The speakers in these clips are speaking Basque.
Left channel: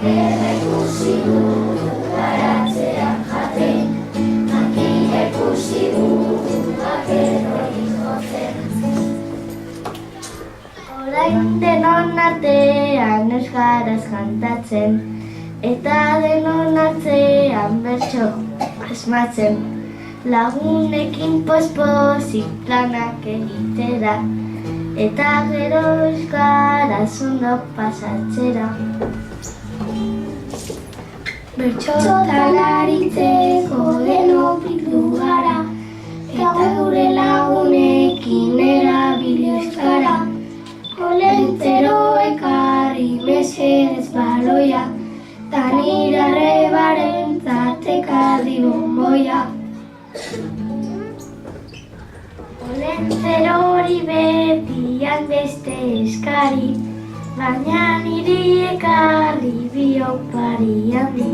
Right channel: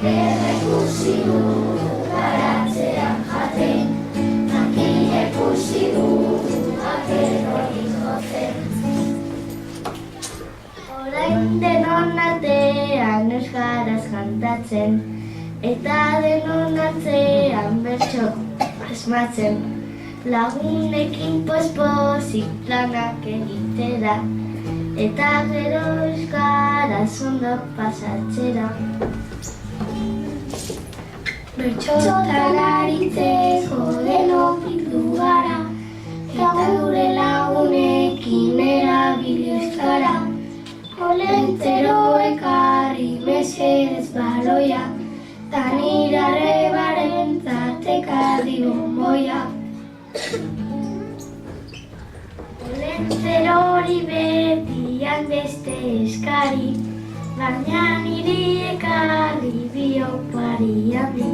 Bakerra ikusi du baratzean jaten, makila ikusi du bakerrori jotzen. Orain denon artean euskaraz kantatzen, eta denon artean bertso asmatzen. Lagunekin pospozik planak egitera, eta gero euskaraz ondo pasatzera. Bertsotan aritzeko denok bildu gara, eta gure lagunekin erabili euskara. Olentzero ekarri mesedez baloia, ta nire arrebarentzat ekarri bonboia. Olentzero hori beti hainbeste eskari, baina niri ekarri biopari handi.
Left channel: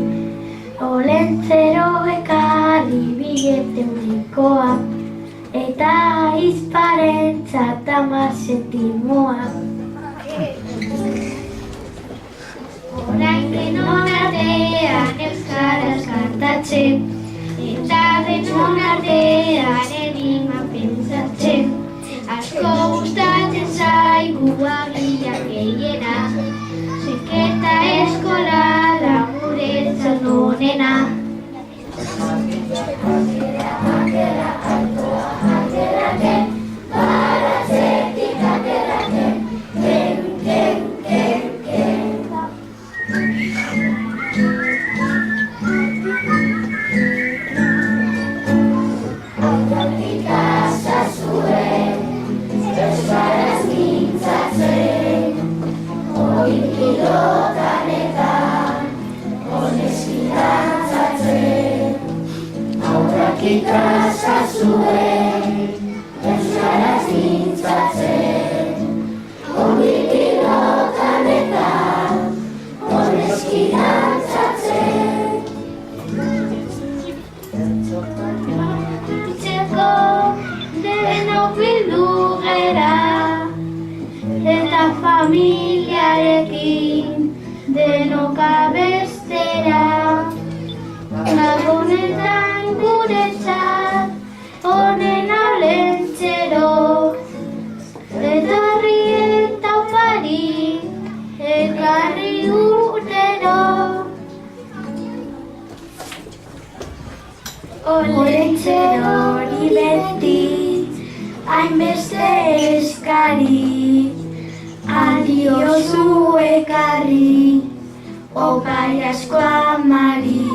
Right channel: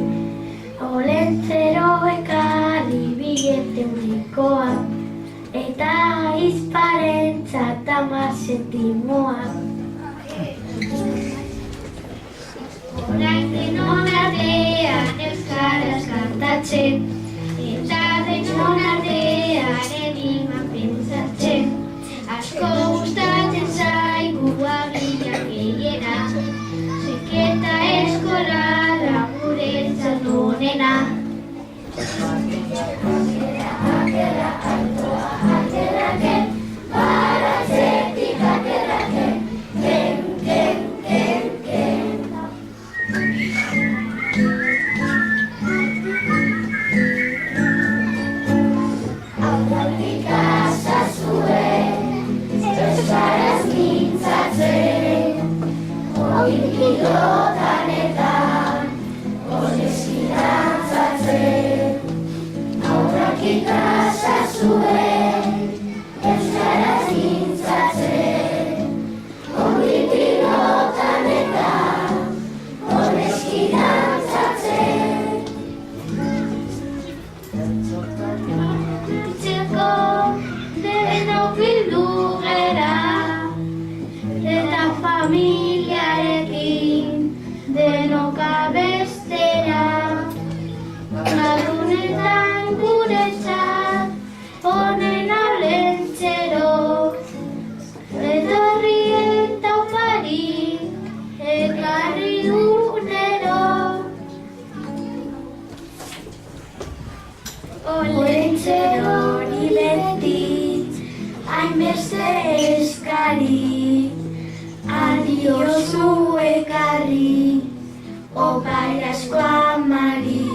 Olentzero ekarri billete eta izparentzat 10 zentimoa. Orain denon artean euskaraz kantatzen, eta denon artean enigma pentsatzen. Asko gustatzen zaigu agian gehiena, seketa eskola da guretzat onena. Akerra, altoa, akerraken, baratzetik akerraken, ken, ken, ken, ken. Aurretik azazuen, euskaraz mintzatzen, hori pilotanetan, honeski dantzatzen. Aurretik azazuen, euskaraz mintzatzen, hori pilotanetan, honeski dantzatzen. Itzeko denok bildu gera, eta familiarekin denok abestera. Lagunetan guretzat, honen Olentzero, etorri eta opari, ekarri urtero. Olentzero hori beti, hainbeste eskari, adiozu ekarri, opari asko amari.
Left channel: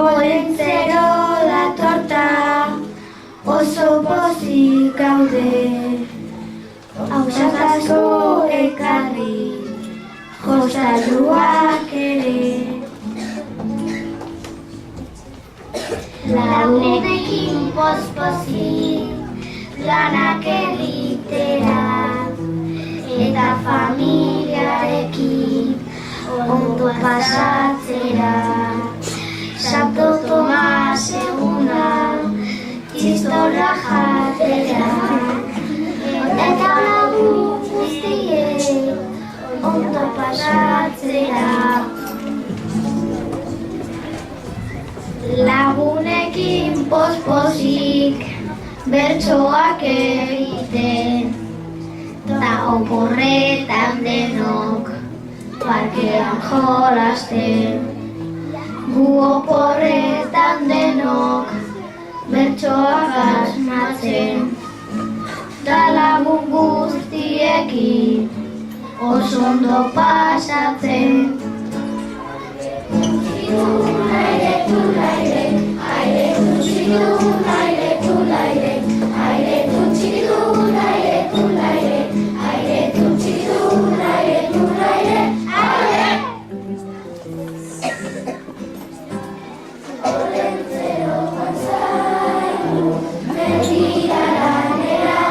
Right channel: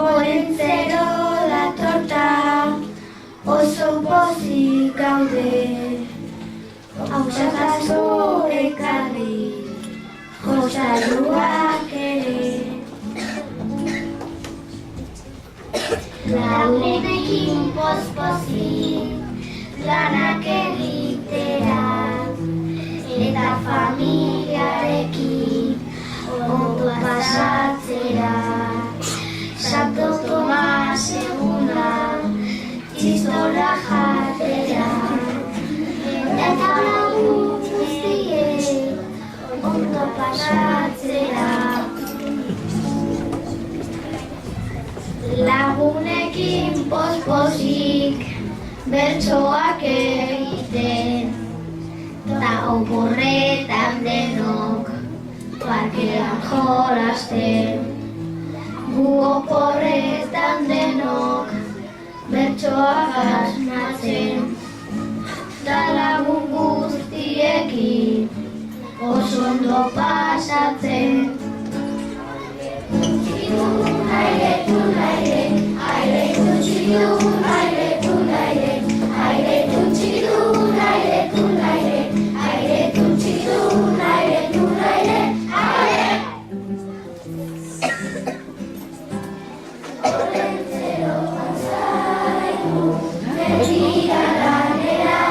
Olentzero datorta, oso pozik gaude, hausak asko ekarri, jostailuak ere. Lagunekin pospozik planak egitera, eta familiarekin ondo pasatzera. Santo Tomas eguna, txistorra jatera, eta lagun guztiek ondo pasatzera. Lagunekin pospozik bertsoak egiten, ta oporretan denok parkean jolasten. Gu oporretan denok bertsoak asmatzen, ta lagun guztiekin oso ondo pasatzen. Aire tulaire, aire tutxidun, aire tulaire, aire tutxidun, aire tulaire, aire tutxidun, aire tulaire, aire. Olentzero zaigu, betira lanera,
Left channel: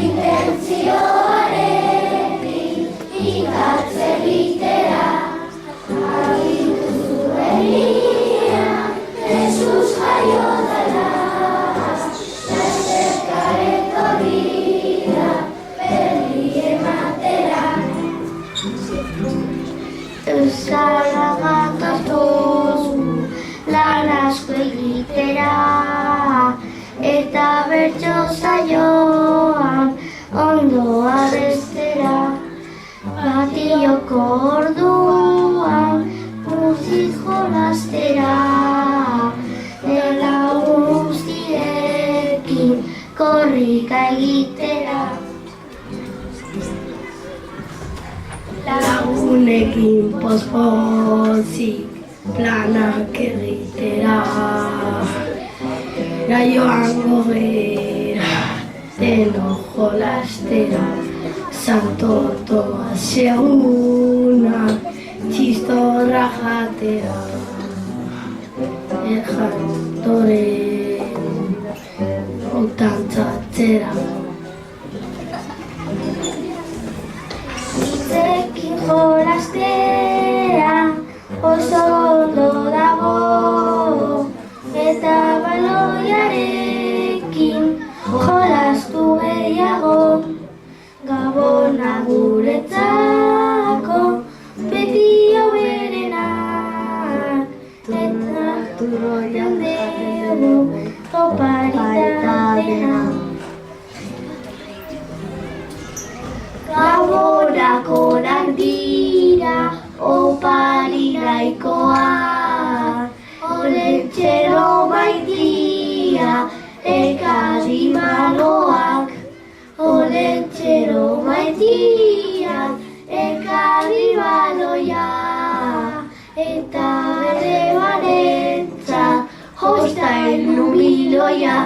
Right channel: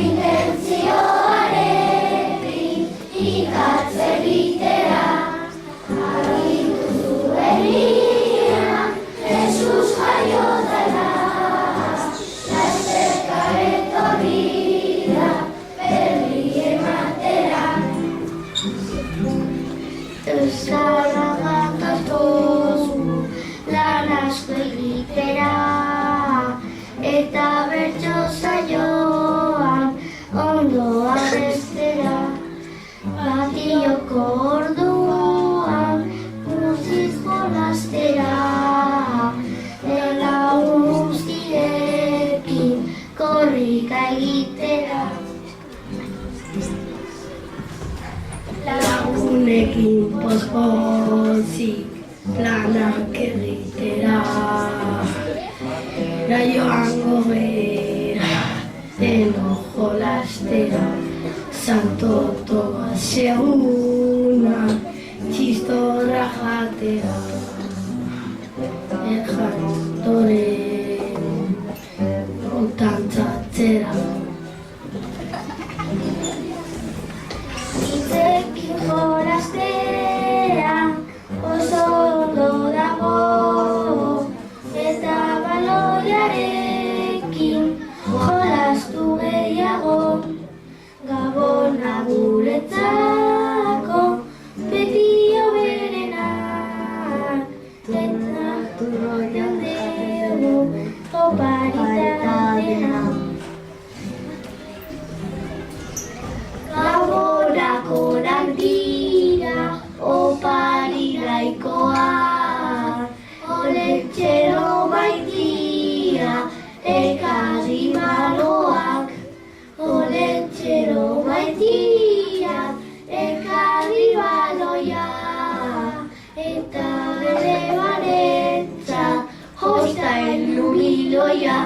intentzioarekin ikatze bitera. Jesus, lagunekin pospozik planak egitera. Joango gera, deno jolastera, santotoa seguna, txistorra jatera. Erjantoren utantzatzera. Hitzekin jolastera oso ondo dago, eta baloiarekin jolastu gehiago. Gabona guretzako beti hoberenak, eta turroian dugu oparitatea. Gabonak onak dira opari nahikoa, olentzero maitia ekadi maloak. Olentzero maitia ekadi baloia, eta bere barentza josta elnubiloia.